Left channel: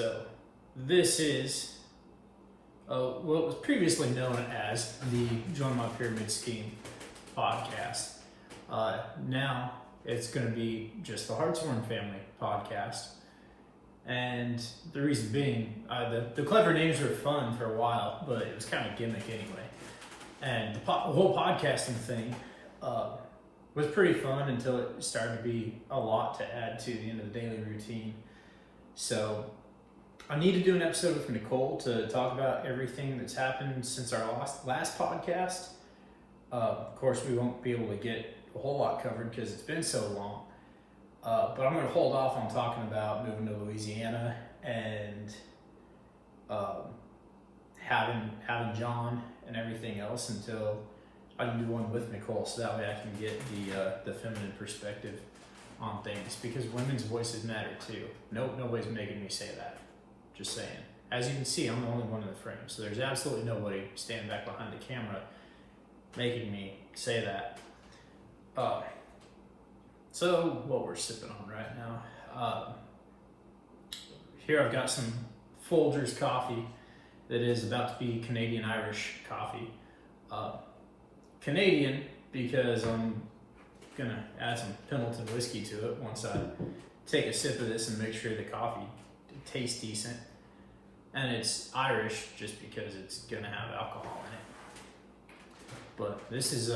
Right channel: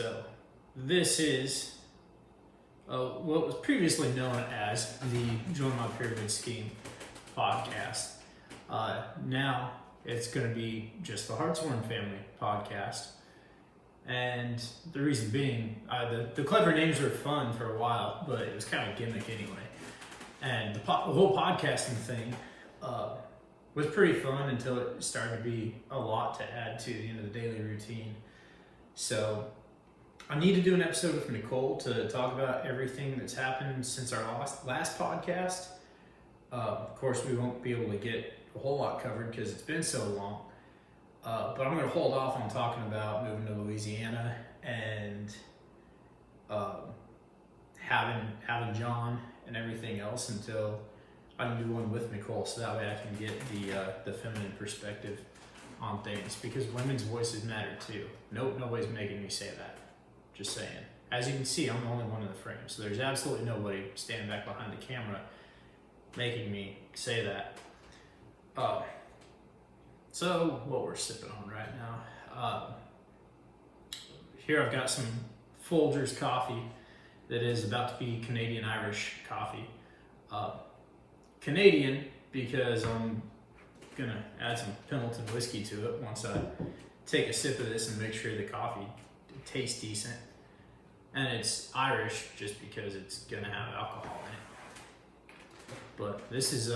So this is what was previously known as the Join My Pyramid Scheme podcast. Now it's going to be just the Hartshorn Family podcast. And the reason being, the clever names were fun for a while, but it was kind of a gimmick anyway. And the whole podcasting thing was pretty fun until it started to be a lot to add to the end of the daily routine. So I need to do an episode with Nicole to talk about everything that's happened since our last podcast. Of course, we won't be able to get a whole lot covered because it's been so long. But I'm going to hold off on talking about moving to Louisiana and having John and everything else until I can do one with Nicole, so that way I can get the feminine perspective on things, because women's voices matter too. Nobody's making me say that. Just saying. As you can see, I'm the only one in the frame, so there's absolutely nobody standing back behind the camera making me say that. So what we're sipping on right now. Here I've got some Folgers coffee that is about to be Canadian Irish coffee. Canadian because I'm gonna add some Pendleton whiskey to it once I take a sip of this and make sure the coffee tastes decent. And it's Irish just because it's gonna have alcohol in it. But this is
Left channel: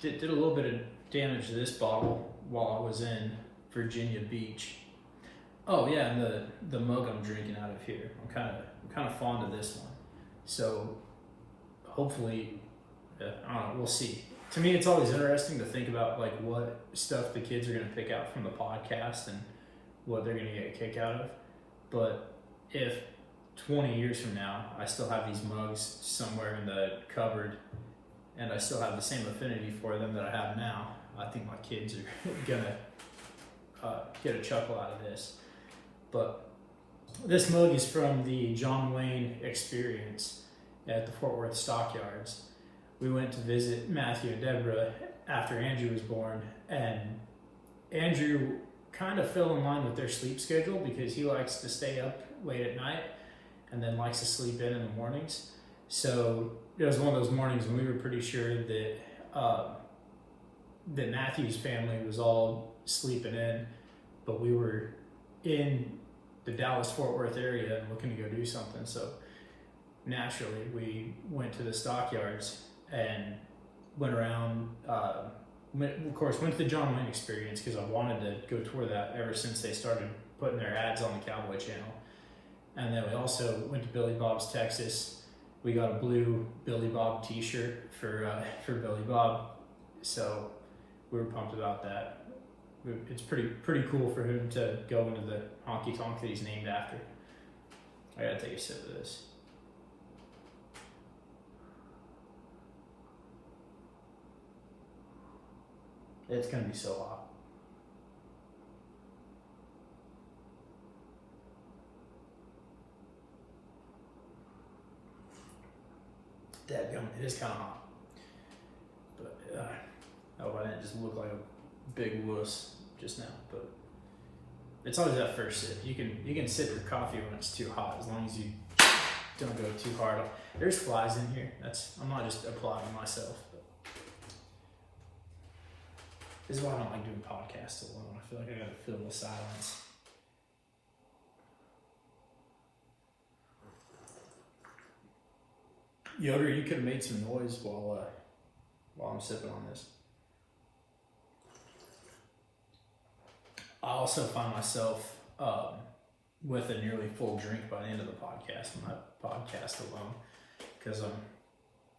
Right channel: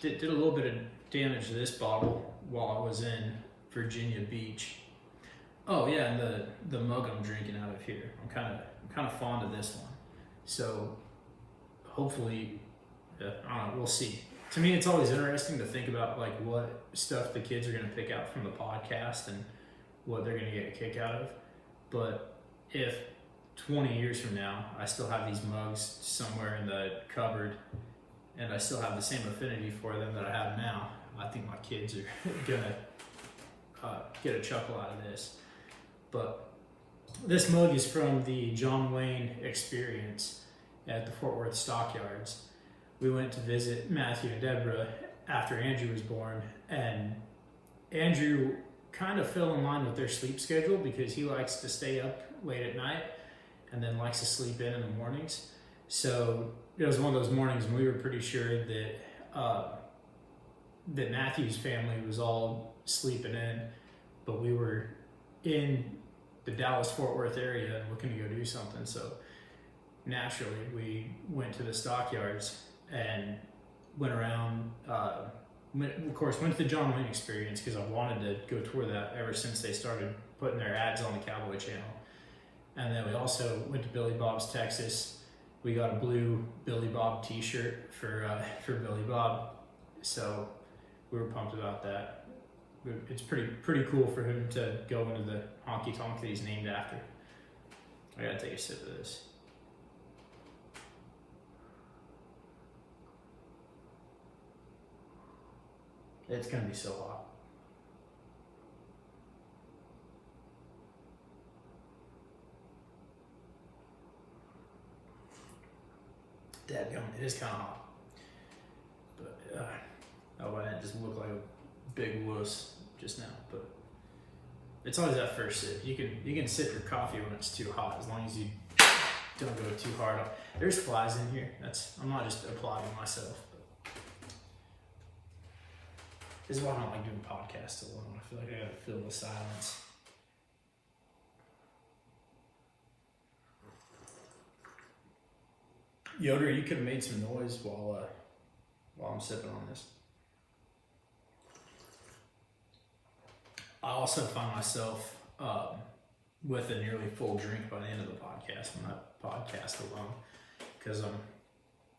did a little bit of damage to this bottle while I was in Virginia Beach. Oh yeah, and the mug I'm drinking out of here, I'm kind of fond of this one. So hopefully, I don't know, we'll see. To me, it's always interesting to think about like what stuff the kids are going to pick out from the podcast and what they're going to get a kick out of. But if 20 years from now, I still have these mugs somewhere in the cupboard and I still have the same affinity for them that I have now, I think my kids are going to get a chuckle out of this. But this mug is from the John Wayne Experience at the Fort Worth Stockyards. We went to visit Matthew and Deborah after Andrew was born, and Andrew kind of fell in line with their sleep schedule because he likes to stay up late at night and then likes to sleep in the mornings. So it was one of those mornings when we were pretty sure that that Matthew's family was all sleeping in, but we were in the Dallas-Fort Worth area and looking to go do something. So naturally, we went to the Stockyards and went around, of course, went to the John Wayne Experience because I wanted to go tour that ever since they started putting their ads on the Cowboy Channel. And then we also went to Billy Bob's Texas. We got a blue Billy Bob t-shirt for Billy Bob. So we were pumped about that. It's pretty cool for him to go into the honky tonk that he's named after. I gotta take a sip of this. It's gonna be so hot. Dadgum, it is kind of hot. But I hope I didn't just look like a big wuss just now. But it's always that first sip. You can sip your coffee when it's too hot, as long as you don't go too hard. There's flies in here. I'm not just applauding myself. This is why I don't like doing podcasts alone. I feel like I gotta fill the silence. Yoder, you could have made some noise while I'm sipping on this. I also find myself with a nearly full drink by the end of the podcast when I podcast alone, because I'm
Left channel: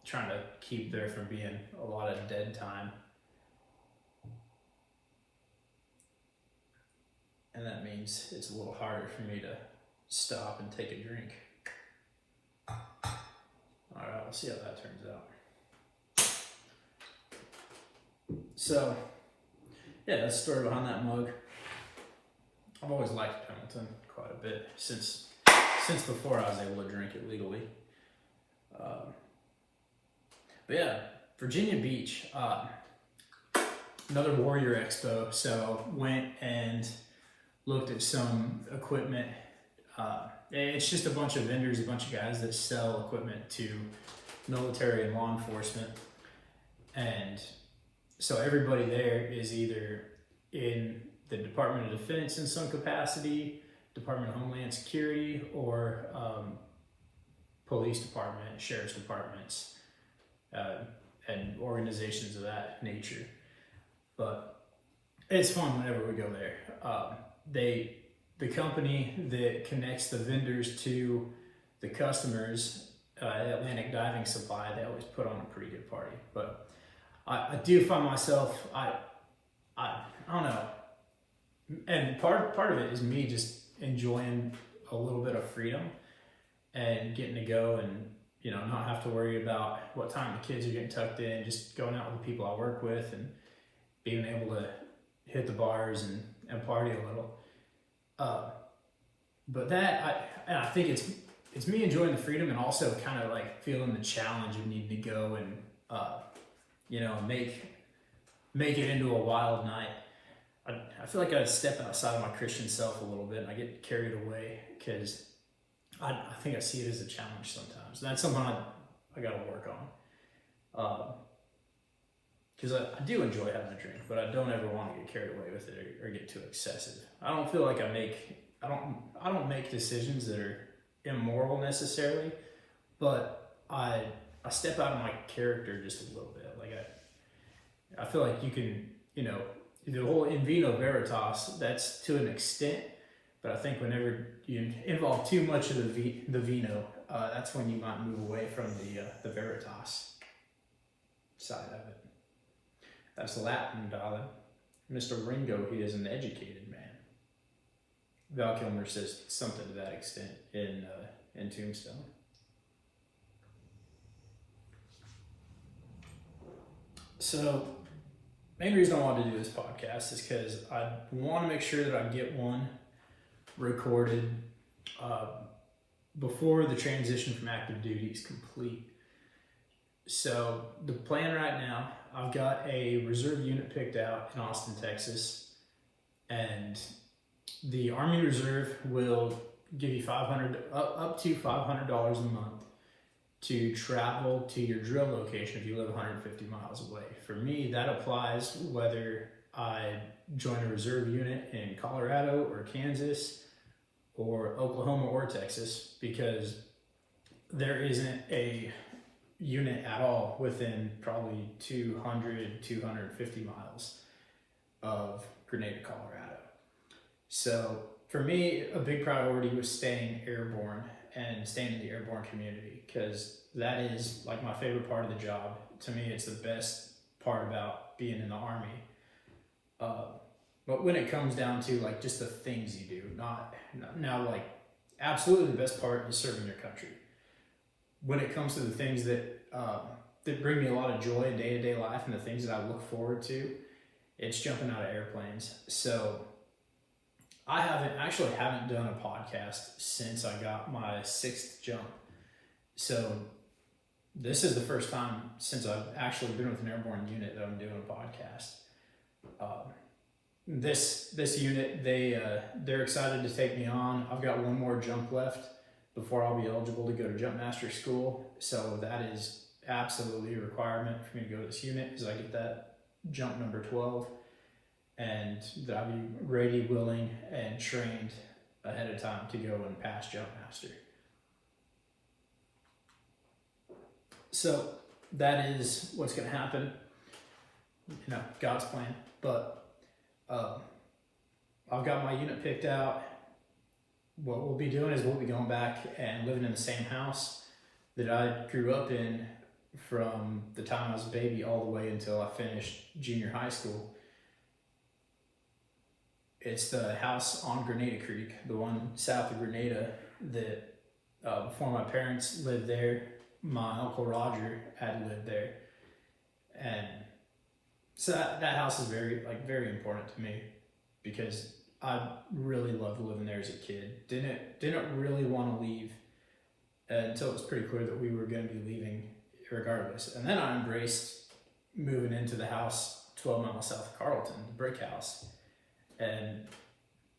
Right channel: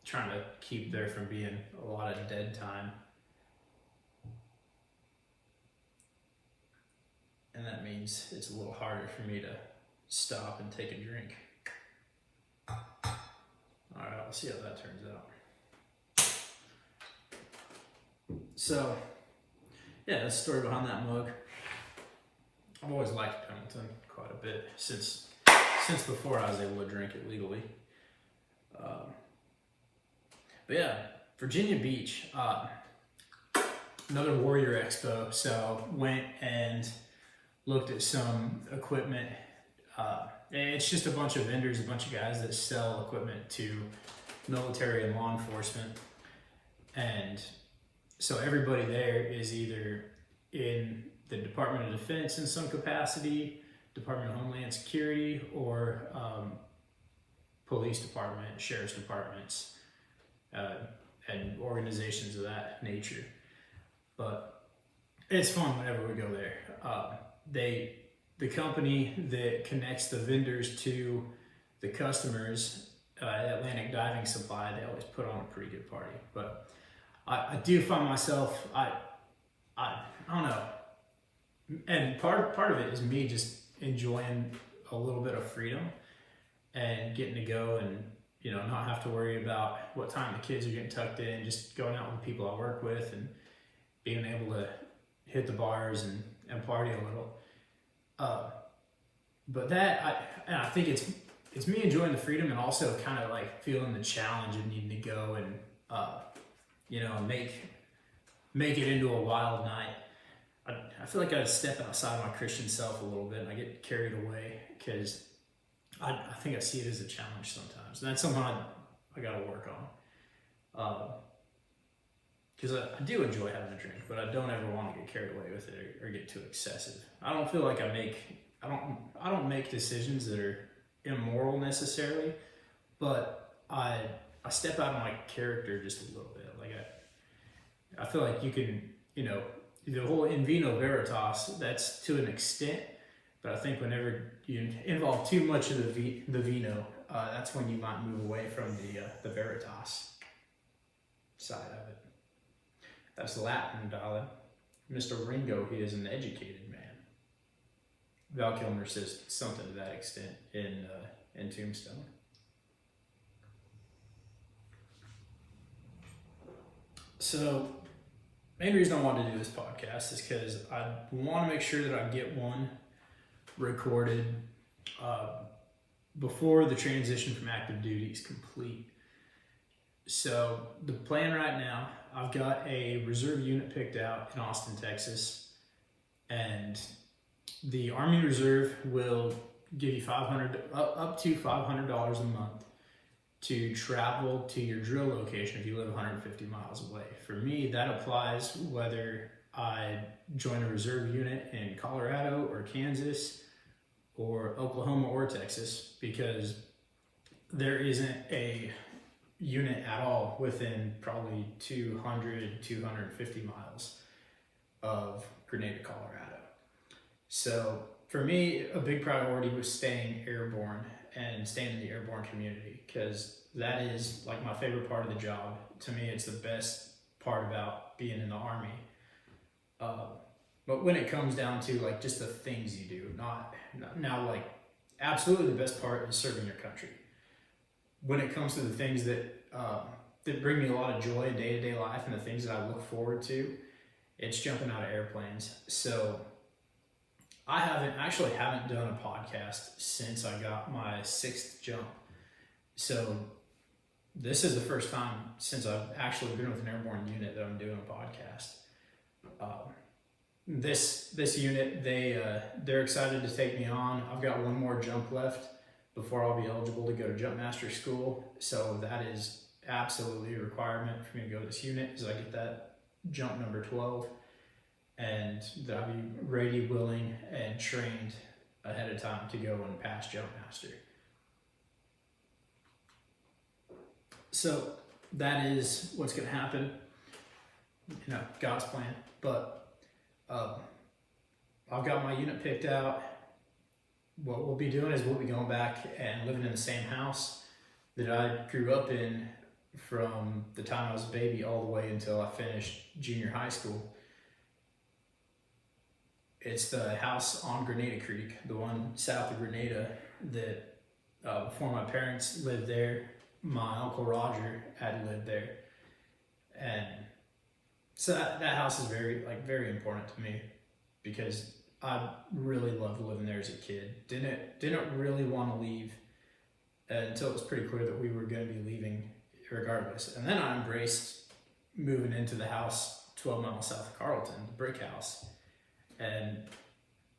trying to keep there from being a lot of dead time. And that means it's a little harder for me to stop and take a drink. All right, we'll see how that turns out. So, yeah, that's the story behind that mug. I've always liked Pendleton quite a bit since before I was able to drink it legally. But yeah, Virginia Beach, another Warrior Expo. So went and looked at some equipment It's just a bunch of vendors, a bunch of guys that sell equipment to military and law enforcement. And so everybody there is either in the Department of Defense in some capacity, Department of Homeland Security, or police department, sheriff's departments, and organizations of that nature. But it's fun whenever we go there. The company that connects the vendors to the customers, Atlantic Diving Supply, they always put on a pretty good party. But I do find myself, I don't know, and part of it is me just enjoying a little bit of freedom and getting to go and, you know, not have to worry about what time the kids are getting tucked in, just going out with the people I work with and being able to hit the bars and party a little. But I think it's me enjoying the freedom and also kind of like feeling the challenge of needing to go and, you know, make it into a wild night. I feel like I step outside of my Christian self a little bit and I get carried away because I think I see it as a challenge sometimes. And that's something I got to work on. Because I do enjoy having a drink, but I don't ever want to get carried away with it or get too excessive. I don't feel like I don't make decisions that are immoral necessarily, but I step out of my character just a little bit. Like I feel like you can, you know, the whole in vino veritas, that's to an extent, but I think whenever you involve too much of the vino, that's when you might move away from the veritas side of it. That's Latin, darling. Mr. Ringo, he is an educated man. Val Kilmer says something to that extent in Tombstone. So, main reason I wanted to do this podcast is because I want to make sure that I get one recorded before the transition from active duty is complete. So the plan right now, I've got a reserve unit picked out in Austin, Texas, and the Army Reserve will give you up to $500 a month to travel to your drill location if you live 150 miles away. For me, that applies whether I join a reserve unit in Colorado or Kansas or Oklahoma or Texas, because there isn't a unit at all within probably 250 miles of Grenada, Colorado. So for me, a big priority was staying airborne and staying in the airborne community, because that is like my favorite part of the job. To me, it's the best part about being in the Army. But when it comes down to like just the things you do, not now, like absolutely the best part is serving your country. When it comes to the things that bring me a lot of joy in day-to-day life and the things that I look forward to, it's jumping out of airplanes. So I haven't done a podcast since I got my 6th jump. So this is the first time since I've actually been with an airborne unit that I'm doing a podcast. This unit, they're excited to take me on. I've got one more jump left before I'll be eligible to go to jump master school. So that is absolutely a requirement for me to go to this unit, is I get that jump number 12, and that I'll be ready, willing, and trained ahead of time to go and pass jump master. So that is what's going to happen, you know, God's plan. But I've got my unit picked out. What we'll be doing is we'll be going back and living in the same house that I grew up in from the time I was a baby all the way until I finished junior high school. It's the house on Grenada Creek, the one south of Grenada, that before my parents lived there, my Uncle Roger had lived there. And so that house is very important to me, because I really loved living there as a kid. Didn't really want to leave until it was pretty clear that we were going to be leaving regardless. And then I embraced moving into the house 12 miles south of Carlton, the brick house. And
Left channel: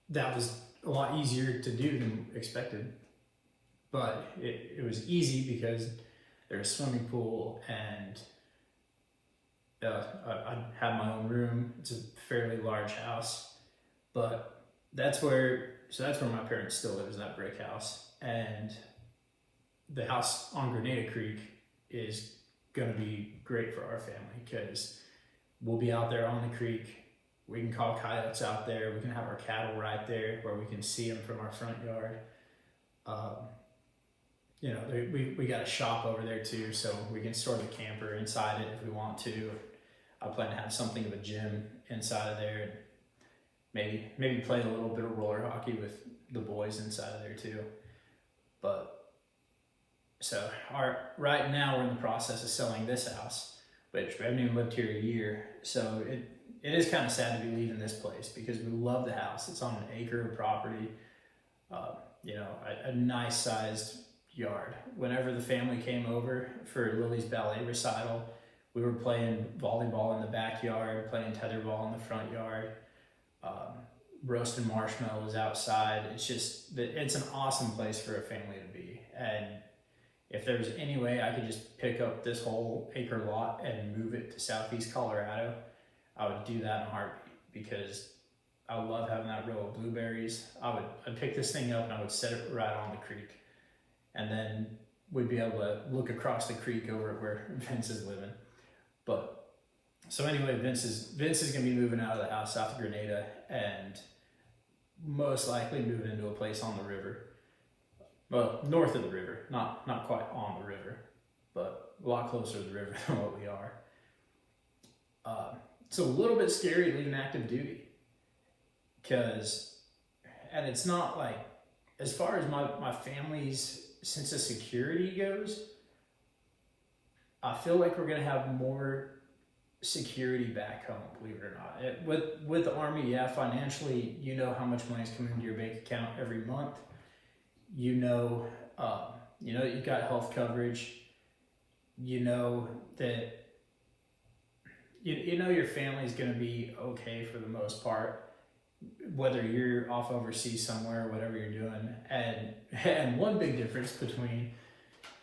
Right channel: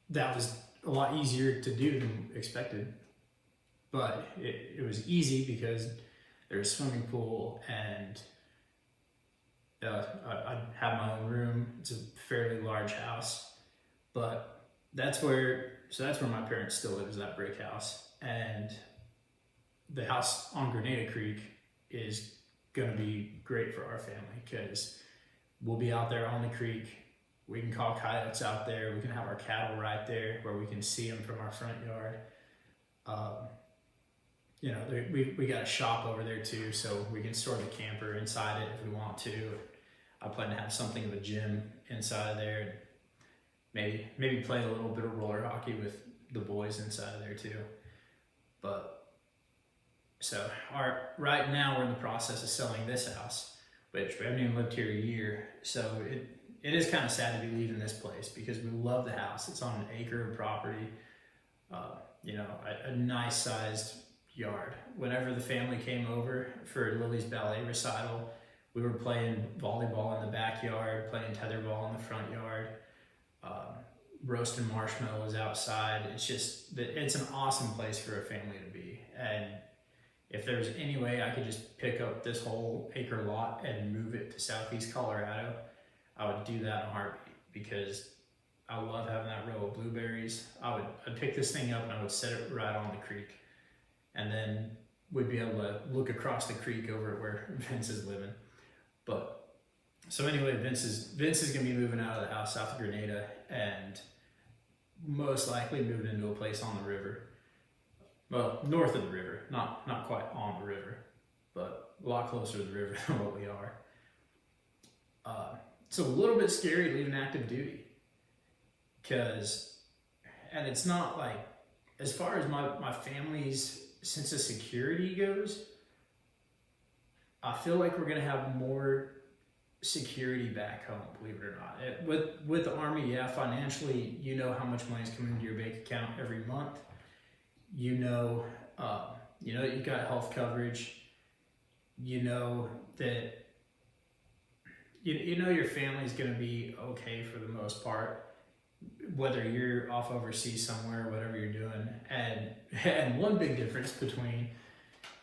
that was a lot easier to do than expected. But it was easy because there's a swimming pool, and I have my own room. It's a fairly large house, but that's where my parents still live, is that brick house. And the house on Grenada Creek is going to be great for our family because we'll be out there on the creek. We can call coyotes out there. We can have our cattle right there where we can see them from our front yard. We got a shop over there too, so we can store the camper inside it if we want to. I plan to have something of a gym inside of there, and maybe play a little bit of roller hockey with the boys inside of there too. But so right now we're in the process of selling this house, which we haven't even lived here a year. So it is kind of sad to be leaving this place because we love the house. It's on an acre of property, a nice sized yard. Whenever the family came over for Lily's ballet recital, we were playing volleyball in the backyard, playing tetherball in the front yard, roasting marshmallows outside. It's an awesome place for a family to be. And if there was any way I could just pick up this whole acre lot and move it to Southeast Colorado, I would do that in a heartbeat because I love having that row of blueberries. I'd pick this thing up and I would set it right on the creek. And then we'd be able to look across the creek over at where Vince is living. But so anyway, Vince is gonna be moving out of the house south of Grenada and most likely moving into a place on the river. Well, north of the river, not quite on the river, but a lot closer to the river than what we are. It's a little bit scary leaving active duty and it's not like, as far as my family's sense of security goes, I feel like we're gonna have more security back home, believe it or not. With the Army, yeah, financially, you know how much money is coming into your bank account every month. You know you've got health coverage. You know that you know your family's gonna be okay for the most part, whether you're off overseas somewhere, whatever you're doing. And one big difference between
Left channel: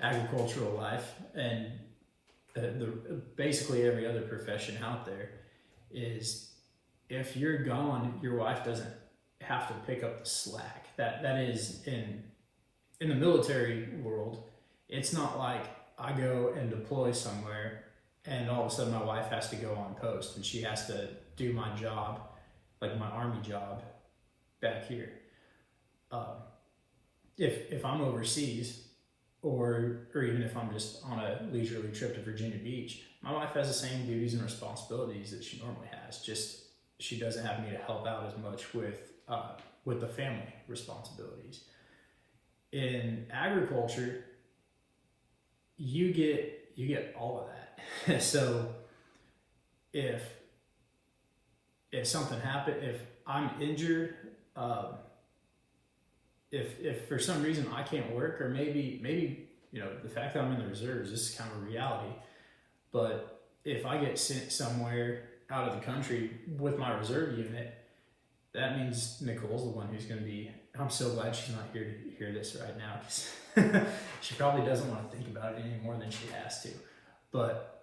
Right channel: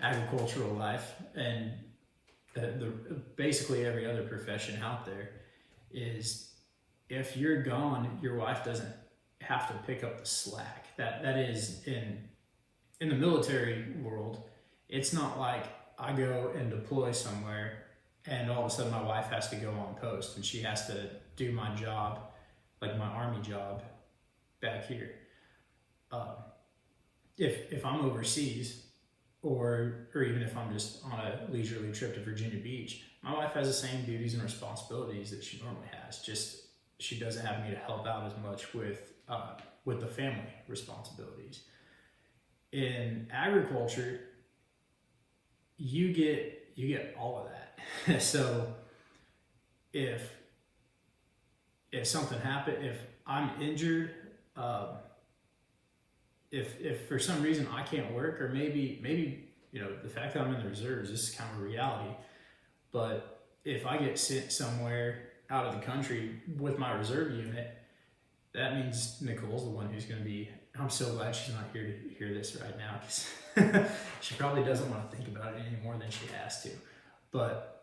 agricultural life and basically every other profession out there is if you're gone, your wife doesn't have to pick up the slack. That is in the military world. It's not like I go and deploy somewhere and all of a sudden my wife has to go on post and she has to do my job, like my Army job back here. If I'm overseas, or even if I'm just on a leisurely trip to Virginia Beach, my wife has the same duties and responsibilities that she normally has. Just she doesn't have me to help out as much with the family responsibilities. In agriculture, you get all of that. So if something happened, if I'm injured, if for some reason I can't work, or maybe the fact that I'm in the reserves, this is kind of a reality, but if I get sent somewhere out of the country with my reserve unit, that means Nicole's the one who's going to be. I'm so glad she's not here to hear this right now because she probably doesn't want to think about it any more than she has to. But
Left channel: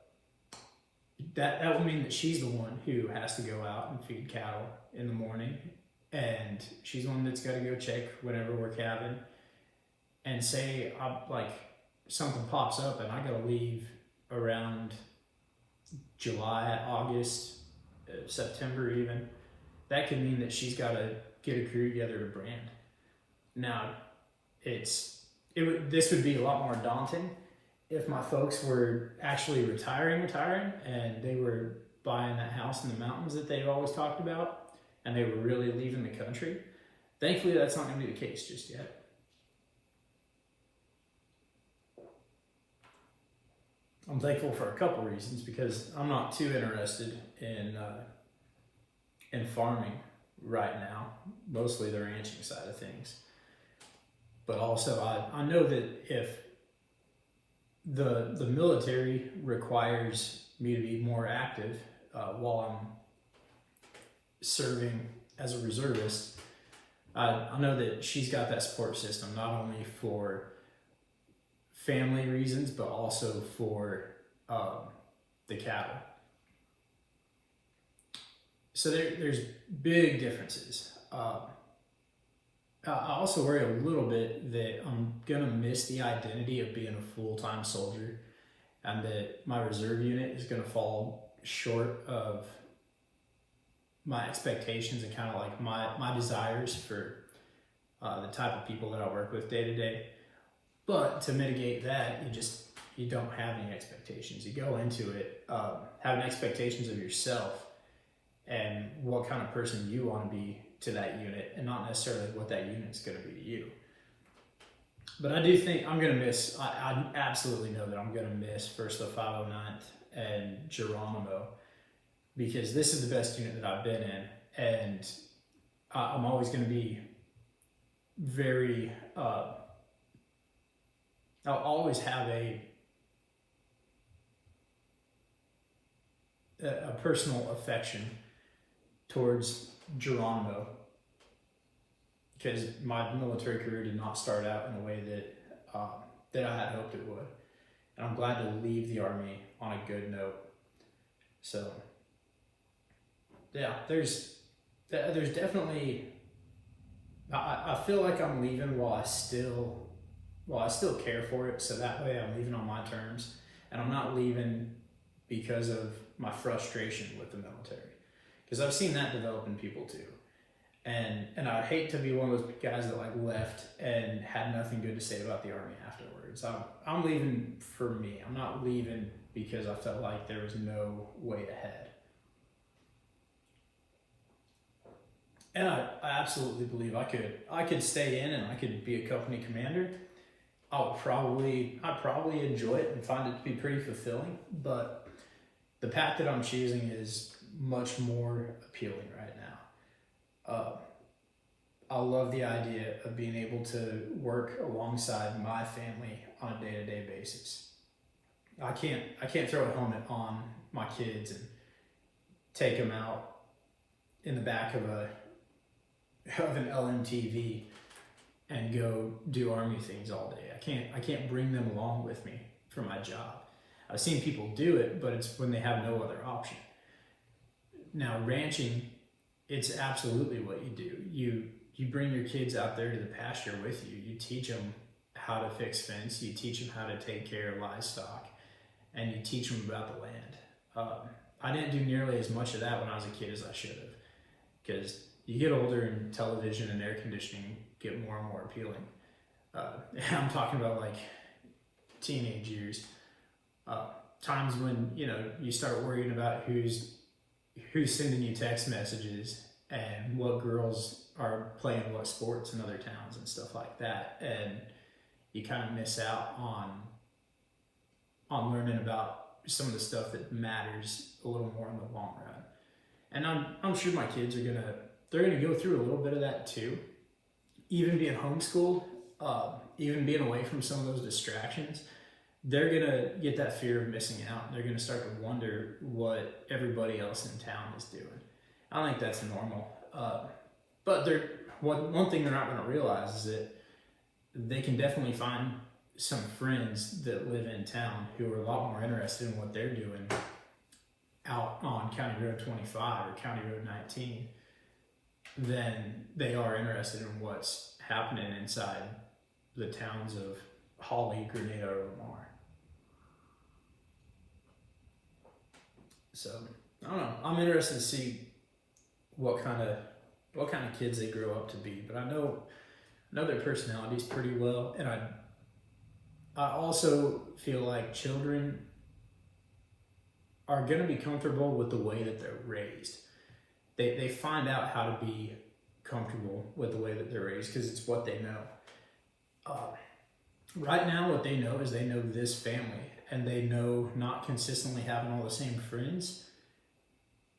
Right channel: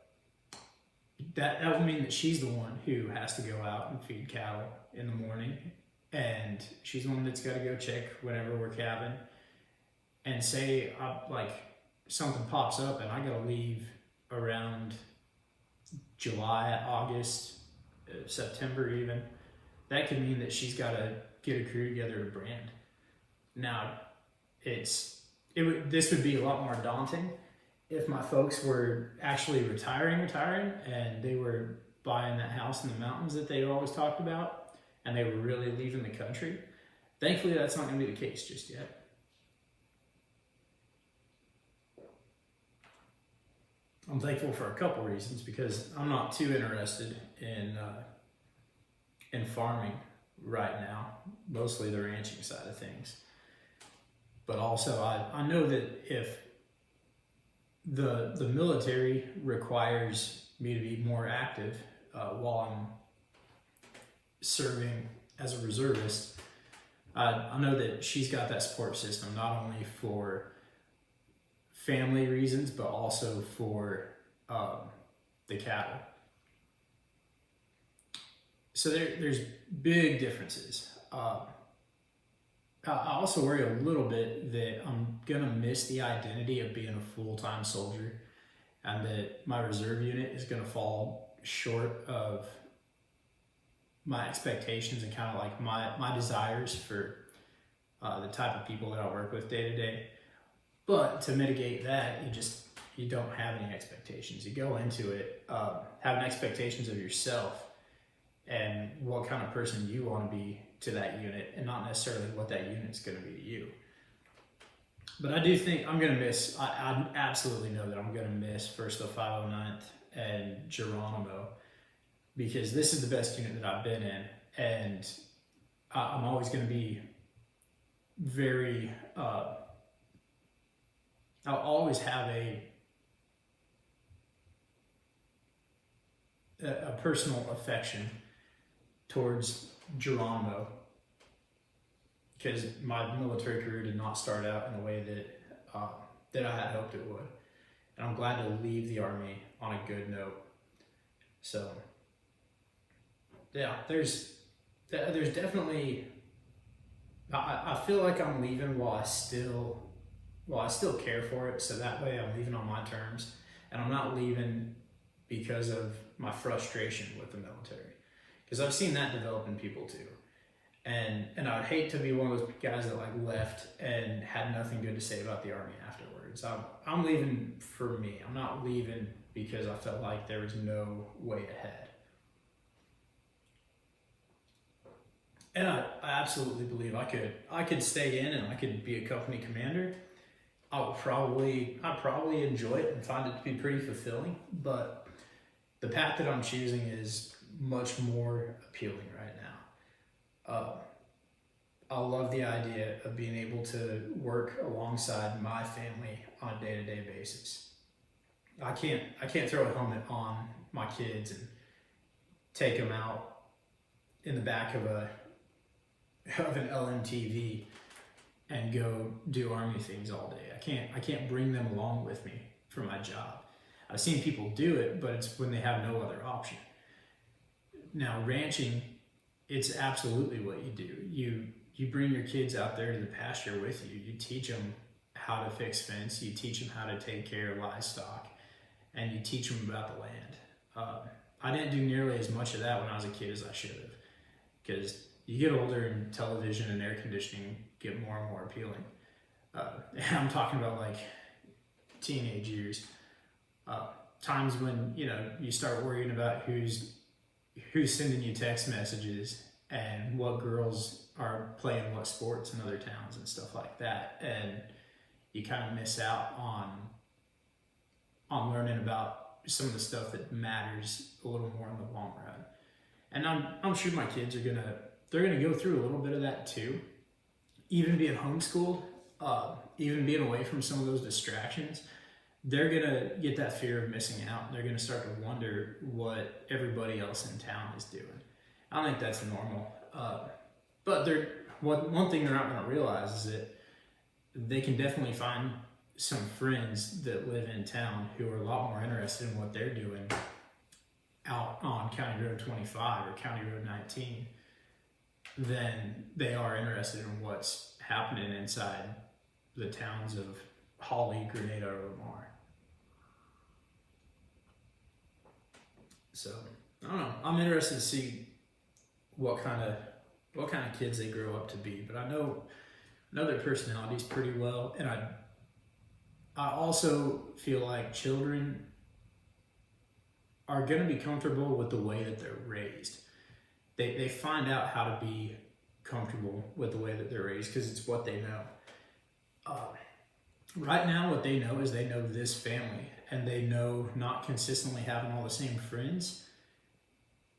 that will mean that she's the one who has to go out and feed cattle in the morning. And she's the one that's got to go check whenever we're calving. And say something pops up and I got to leave around July, August, September even. That could mean that she's got to get a crew together to brand. Now, this would be a lot more daunting if my folks were actually retiring, and they were buying that house in the mountains that they've always talked about, and they were really leaving the country. Thankfully, that's not going to be the case just yet. I'm thankful for a couple reasons, because I'm not too interested in farming right now, mostly the ranching side of things. But also, I know that if the military requires me to be more active while I'm serving as a reservist, I know that she's got that support system not only for family reasons, but also for the cattle. So there's big differences. I also worry a little bit that I'm going to miss the identity of being a full-time soldier, and that my reserve unit is going to fall short of my expectations and kind of like my desires for the type of people that I work with day to day. But to mitigate that, you don't have any expectations. You go into it having expectations of yourself and what kind of person you want to be to that unit, and not necessarily what that unit's going to be to you. But I do think I'm going to miss, I absolutely know that I'm going to miss first the 509th and Geronimo, because this is the best unit that I've been in, and I'm always going to be very, I'll always have a personal affection towards Geronimo, because my military career did not start out in a way that I had hoped it would, and I'm glad to leave the Army on a good note. So yeah, there's definitely, I feel like I'm leaving while I still care for it, so that way I'm leaving on my terms, and I'm not leaving because of my frustration with the military. Because I've seen that develop in people too. And I'd hate to be one of those guys that like left and had nothing good to say about the Army afterwards. I'm leaving for me. I'm not leaving because I felt like there was no way ahead. And I absolutely believe I could stay in and I could be a company commander. I'd probably enjoy it and find it to be pretty fulfilling, but the path that I'm choosing is much more appealing right now. I love the idea of being able to work alongside my family on a day-to-day basis. I can't throw a helmet on my kids and take them out in the back of an LMTV and go do Army things all day. I can't bring them along with me for my job. I've seen people do it, but it's when they have no other option. Now, ranching, it's absolutely what you do. You bring your kids out there to the pasture with you. You teach them how to fix fence. You teach them how to take care of livestock, and you teach them about the land. I didn't do nearly as much of that when I was a kid as I should have, because you get older and television and air conditioning get more and more appealing. I'm talking about like teenage years, times when you start worrying about who's sending you text messages and what girls are playing what sports in other towns and stuff like that, and you kind of miss out on learning about some of the stuff that matters a little more in the long run. And I'm sure my kids they're gonna go through a little bit of that too. Even being homeschooled, even being away from some of those distractions, they're gonna get that fear of missing out. They're gonna start to wonder what everybody else in town is doing. I think that's normal. But one thing they're not gonna realize is that they can definitely find some friends that live in town who are a lot more interested in what they're doing out on County Road 25 or County Road 19 than they are interested in what's happening inside the towns of Holly, Grenada, or Lamar. So I don't know. I'm interested to see what kind of kids they grow up to be. But I know their personalities pretty well, and I also feel like children are going to be comfortable with the way that they're raised. They find out how to be comfortable with the way that they're raised because it's what they know. Right now, what they know is they know this family, and they know not consistently having all the same friends,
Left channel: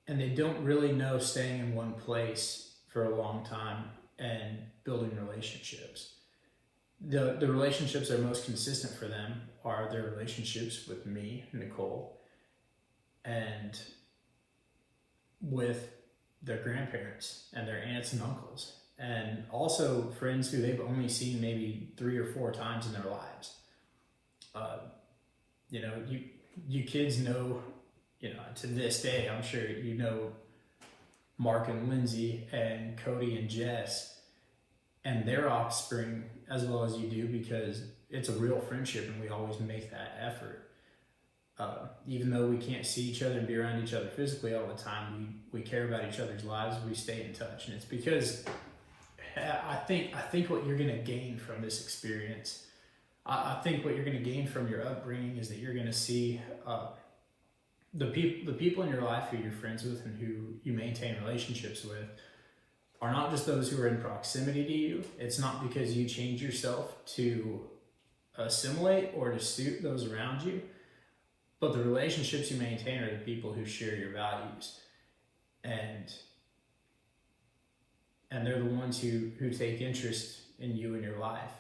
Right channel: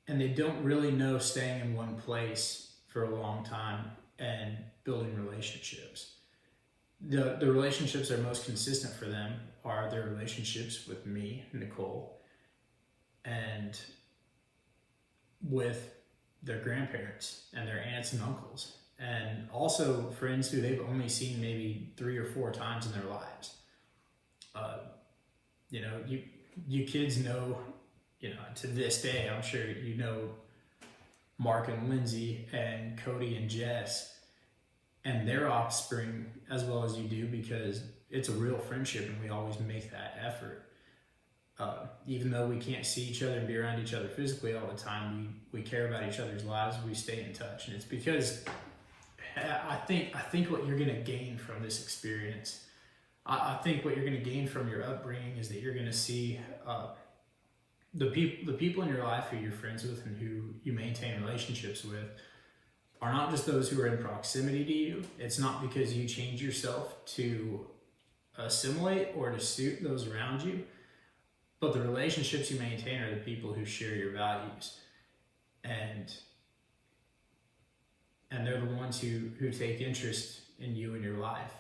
and they don't really know staying in one place for a long time and building relationships. The relationships that are most consistent for them are their relationships with me, Nicole, and with their grandparents and their aunts and uncles. and also friends who they've only seen maybe 3 or 4 times in their lives. You know, you kids know, you know, to this day, I'm sure you know Mark and Lindsay and Cody and Jess and their offspring as well as you do, because it's a real friendship and we always make that effort. Even though we can't see each other and be around each other physically all the time, we care about each other's lives. We stay in touch, and it's because I think what you're going to gain from this experience, I think what you're going to gain from your upbringing is that you're going to see the people in your life who you're friends with and who you maintain relationships with are not just those who are in proximity to you. It's not because you change yourself to assimilate or to suit those around you, but the relationships you maintain are the people who share your values, and they're the ones who take interest in you and your life,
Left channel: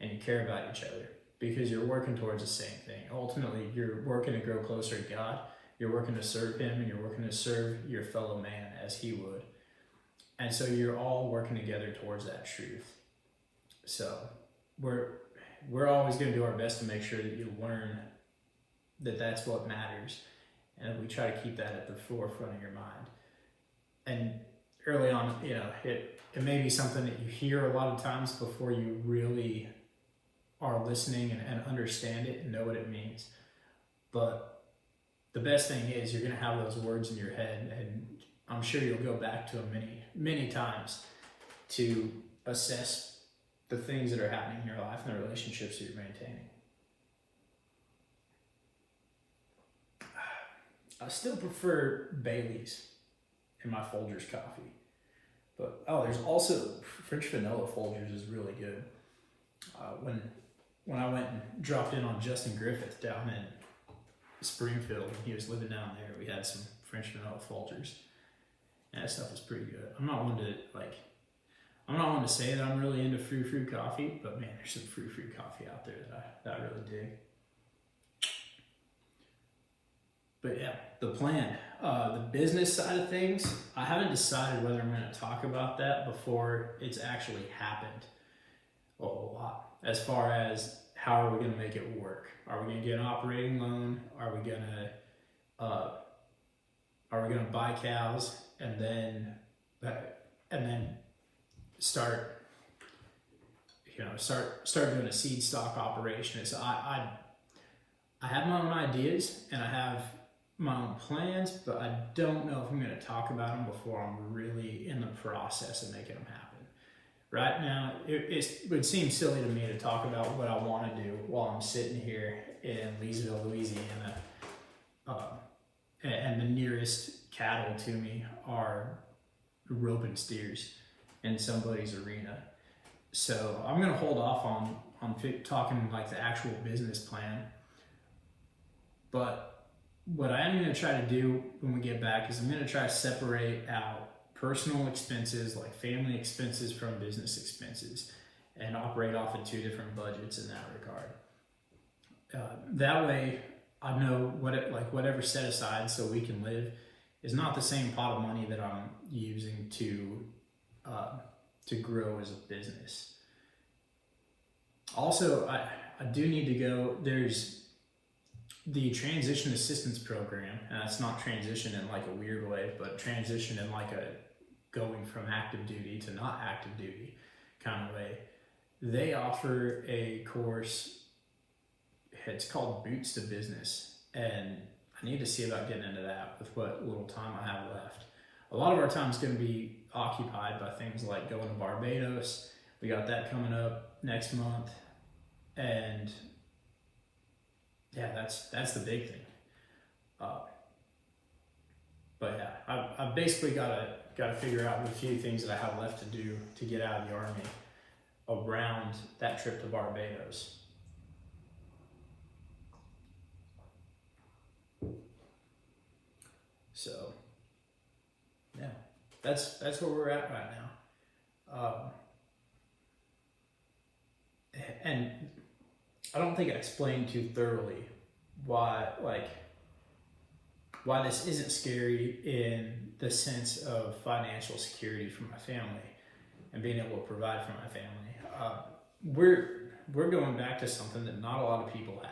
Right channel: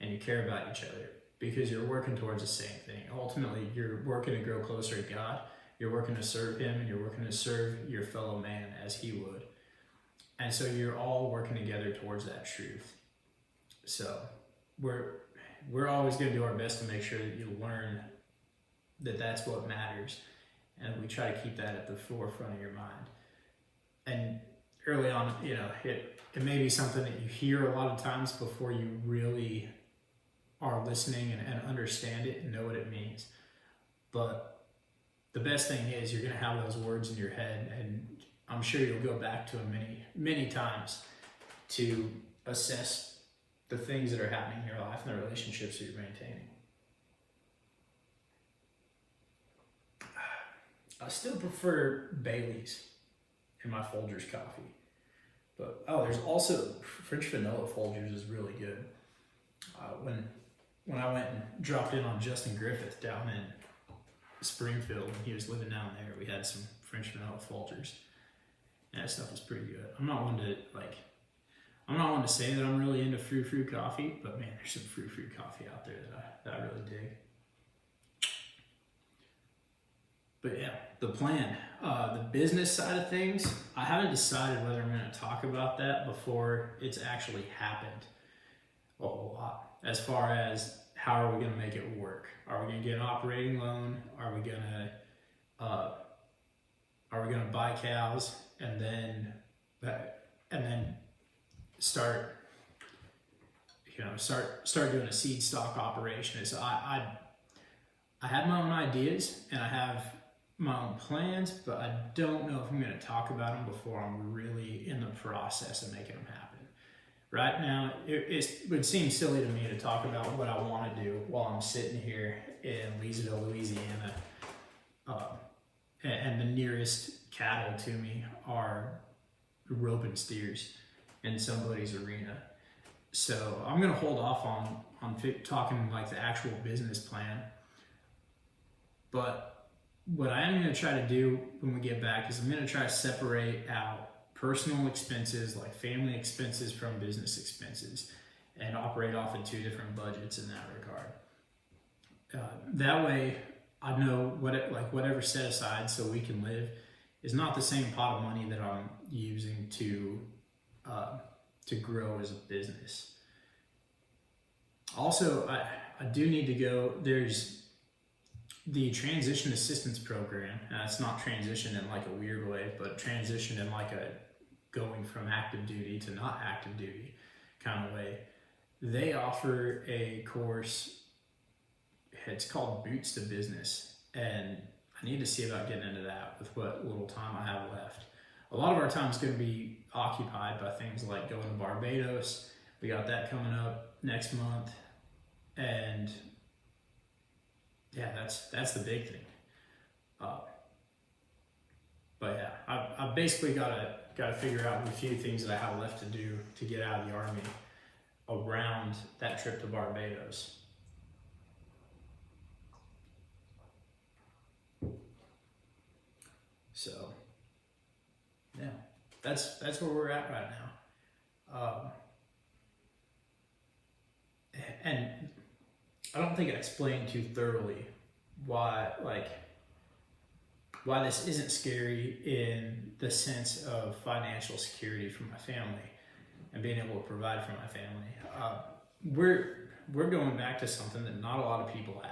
and you care about each other because you're working towards the same thing. Ultimately, you're working to grow closer to God, you're working to serve Him, and you're working to serve your fellow man as He would. And so you're all working together towards that truth. So we're always going to do our best to make sure that you learn that that's what matters, and we try to keep that at the forefront of your mind. And early on, you know, it may be something that you hear a lot of times before you really are listening and understand it and know what it means. But the best thing is you're going to have those words in your head, and I'm sure you'll go back to them many, many times to assess the things that are happening in your life and the relationships that you're maintaining. I still prefer Bailey's in my Folgers coffee. But, there's also French vanilla Folgers is really good. When I went and dropped in on Justin Griffith down in Springfield, when he was living down there, we had some French vanilla Folgers. And that stuff was pretty good. I'm not one to say that I'm really into frou-frou coffee, but man, there's some frou-frou coffee out there that I really dig. But yeah, the plan, the business side of things, I haven't decided whether I'm going to talk about that before it's actually happened a whole lot. As far as how are we going to make it work? Are we going to get an operating loan? Are we going to buy cows and then start doing a seed stock operation? So I have my own ideas and I have my own plans, but I don't know if I'm going to talk about them before I'm really in the process of making them happen. Right now, it would seem silly to me to talk about what I want to do while I'm sitting here in Leesville, Louisiana, and the nearest cattle to me are roping steers in somebody's arena. So I'm going to hold off on talking like the actual business plan, but what I am going to try to do when we get back is I'm going to try to separate out personal expenses like family expenses from business expenses and operate off of 2 different budgets in that regard. That way I know whatever set aside so we can live is not the same pot of money that I'm using to grow as a business. Also, I do need to go, there's the transition assistance program, and it's not transition in like a weird way, but transition in like a going from active duty to not active duty kind of way. They offer a course, it's called Boots to Business, and I need to see about getting into that with what little time I have left. A lot of our time is going to be occupied by things like going to Barbados. We got that coming up next month, and yeah, that's the big thing. But yeah, I've basically got to figure out the few things that I have left to do to get out of the Army around that trip to Barbados. So yeah, that's where we're at right now. And I don't think I explained too thoroughly why this isn't scary in the sense of financial security for my family. and being able to provide for my family. We're going back to something that not a lot of people have.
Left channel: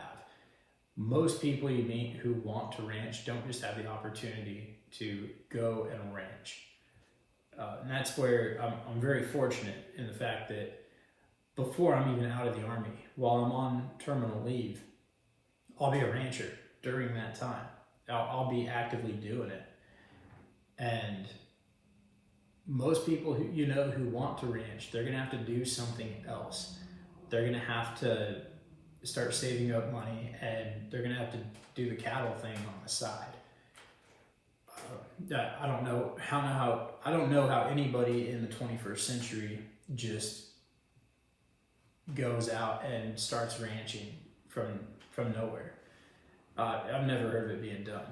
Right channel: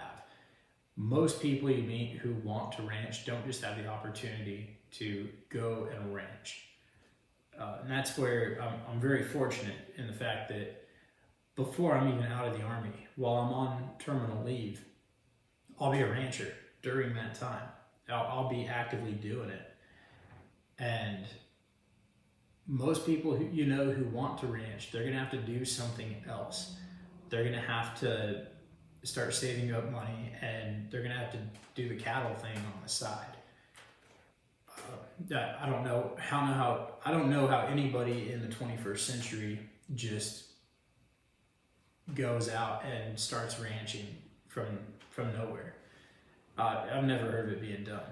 Most people you meet who want to ranch don't just have the opportunity to go and ranch. And that's where I'm very fortunate in the fact that before I'm even out of the Army, while I'm on terminal leave, I'll be a rancher during that time. I'll be actively doing it. And most people who want to ranch, they're going to have to do something else. They're going to have to start saving up money, and they're going to have to do the cattle thing on the side. I don't know how anybody in the 21st century just goes out and starts ranching from nowhere. I've never heard of it being done.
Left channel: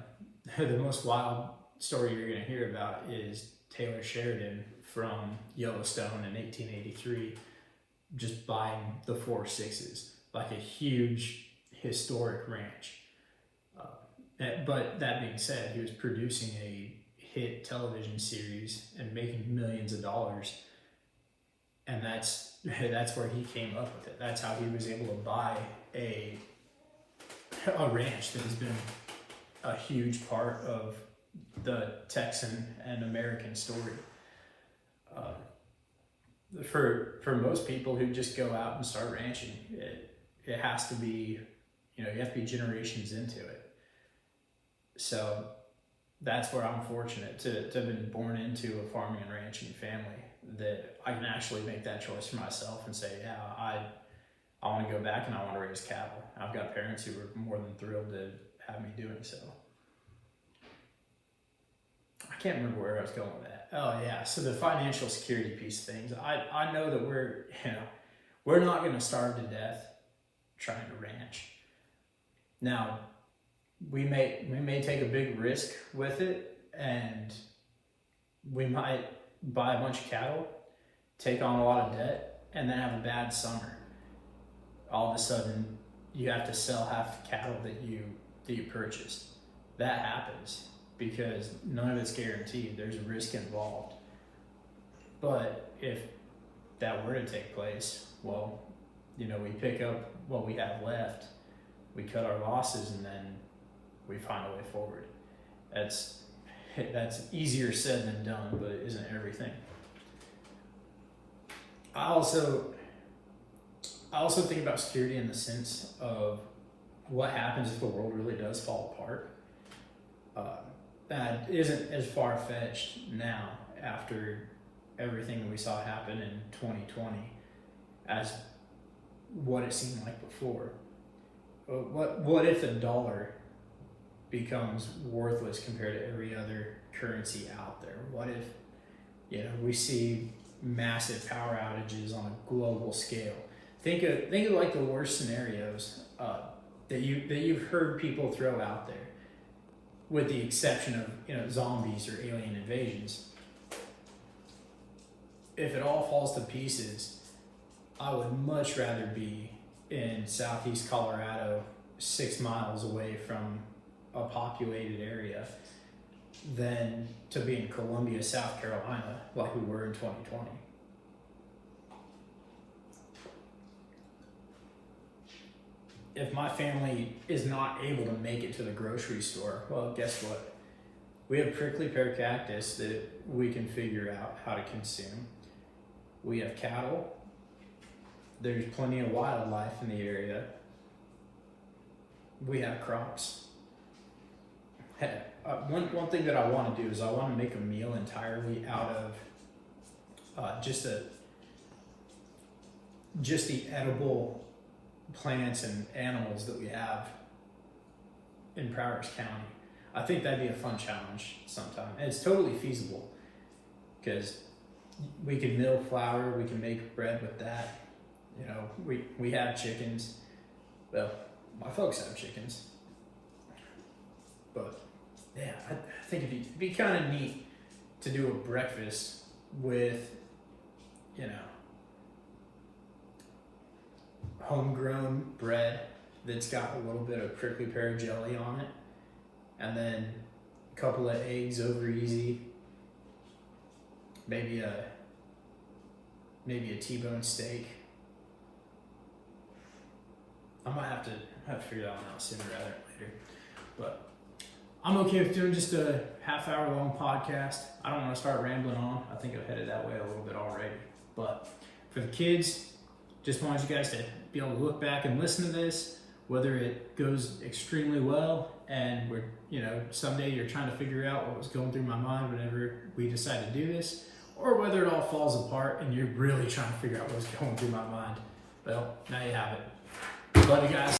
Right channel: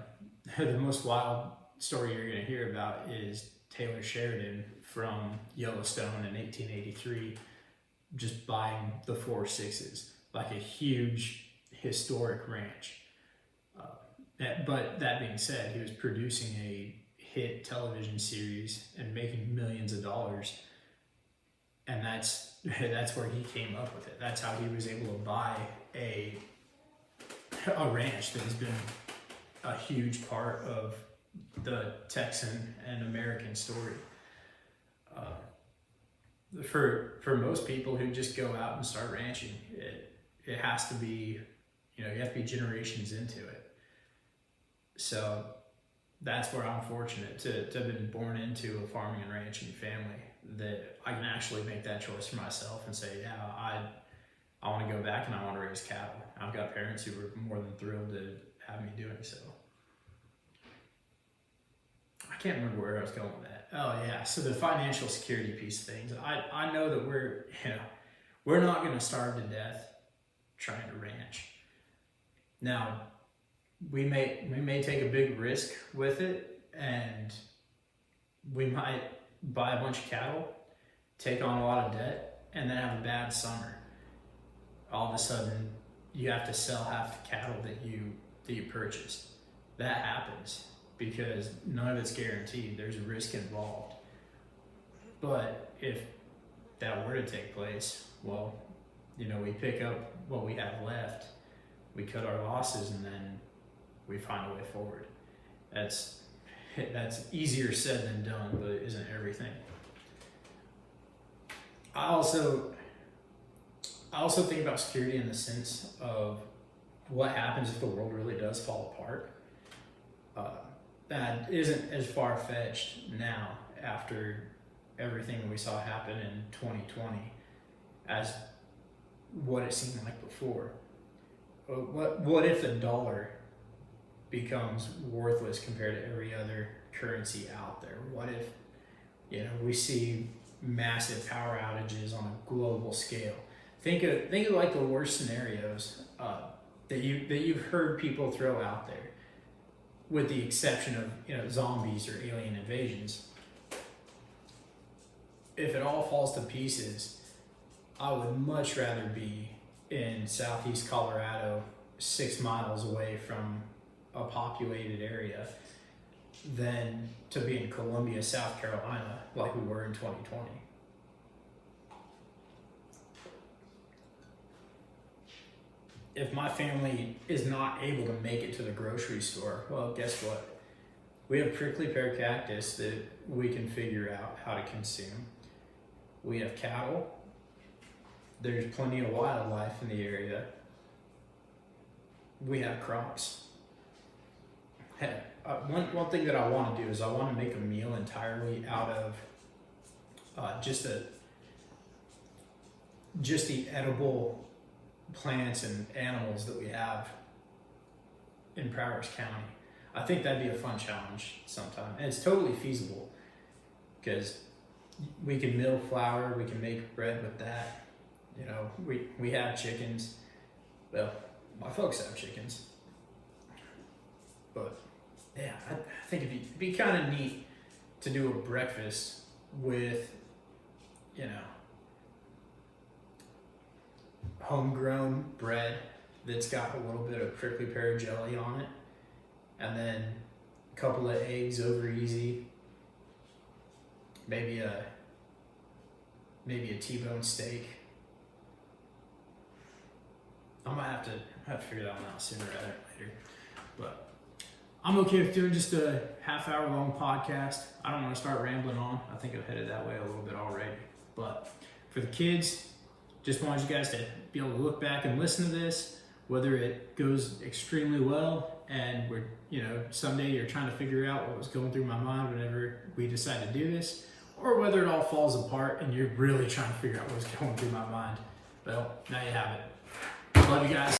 The most wild story you're going to hear about is Taylor Sheridan from Yellowstone in 1883 just buying the 4.6s, like a huge historic ranch. But that being said, he was producing a hit television series and making millions of dollars, and that's where he came up with it. That's how he was able to buy a ranch that has been a huge part of the Texan and American story. For most people who just go out and start ranching, it has to be, you have to be generations into it. So that's where I'm fortunate to have been born into a farming and ranching family, that I can actually make that choice for myself and say, yeah, I want to go back and I want to raise cattle. I've got parents who were more than thrilled to have me doing so. I can't remember where I was going with that. Oh yeah, so the financial security piece of things. I know that we're not going to starve to death trying to ranch. Now, we may take a big risk with it, and we might buy a bunch of cattle, take on a lot of debt, and then have a bad summer. All of a sudden, you have to sell half the cattle that you purchased. That happens because none of it's guaranteed. There's a risk involved. But if that were to take place, well, we pick up what we have left, we cut our losses, and then we find a way forward. That's easier said than done, but it isn't everything. I also think about security in the sense of what happens if the world really does fall apart. That isn't as far-fetched now after everything that we saw happen in 2020 as what it seemed like before. What if the dollar becomes worthless compared to every other currency out there? What if we see massive power outages on a global scale? Think of like the worst scenarios that you've heard people throw out there, with the exception of zombies or alien invasions. If it all falls to pieces, I would much rather be in southeast Colorado, 6 miles away from a populated area, than to be in Columbia, South Carolina, like we were in 2020. If my family is not able to make it to the grocery store, well, guess what? We have prickly pear cactus that we can figure out how to consume. We have cattle. There's plenty of wildlife in the area. We have crops. Hey, one thing that I want to do is I want to make a meal entirely out of just the edible plants and animals that we have in Prowers County. I think that'd be a fun challenge sometime, and it's totally feasible because we can mill flour, we can make bread with that. We have chickens. Well, my folks have chickens, but yeah, I think it'd be kind of neat to do a breakfast with homegrown bread that's got a little bit of prickly pear jelly on it, and then a couple of eggs over easy, maybe maybe a T-bone steak. I might have to figure that one out sooner rather than later. But I'm okay with doing just a half-hour long podcast. I don't want to start rambling on. I think I've headed that way a little bit already. But for the kids, just wanted you guys to be able to look back and listen to this, whether it goes extremely well and we're, someday you're trying to figure out what was going through my mind whenever we decided to do this, or whether it all falls apart and you're really trying to figure out what's going through my mind. Well, now you have it. Love you guys.